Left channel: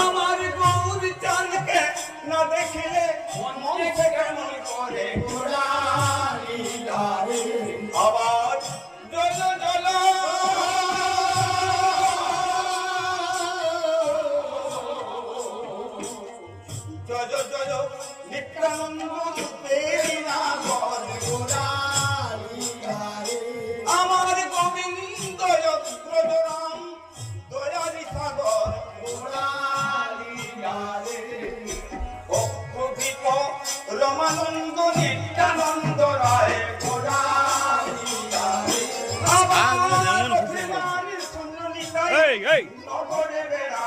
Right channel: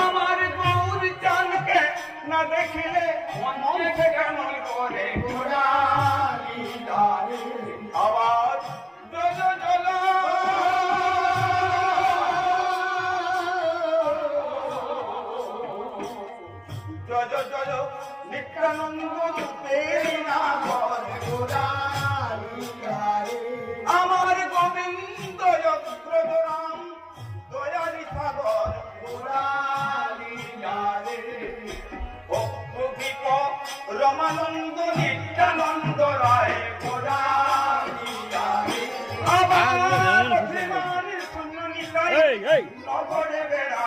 আমার গৌর চানকে না দেখিলে মন কেমন করে আবার জল জল জয় জয় নিত্যানন্দ পেরি না আমার গোবিন্দ রাম দয়ালি সাগর অপ্রকৃত রমানন্দ নিত্যানন্দ রায় নগরে বেড়া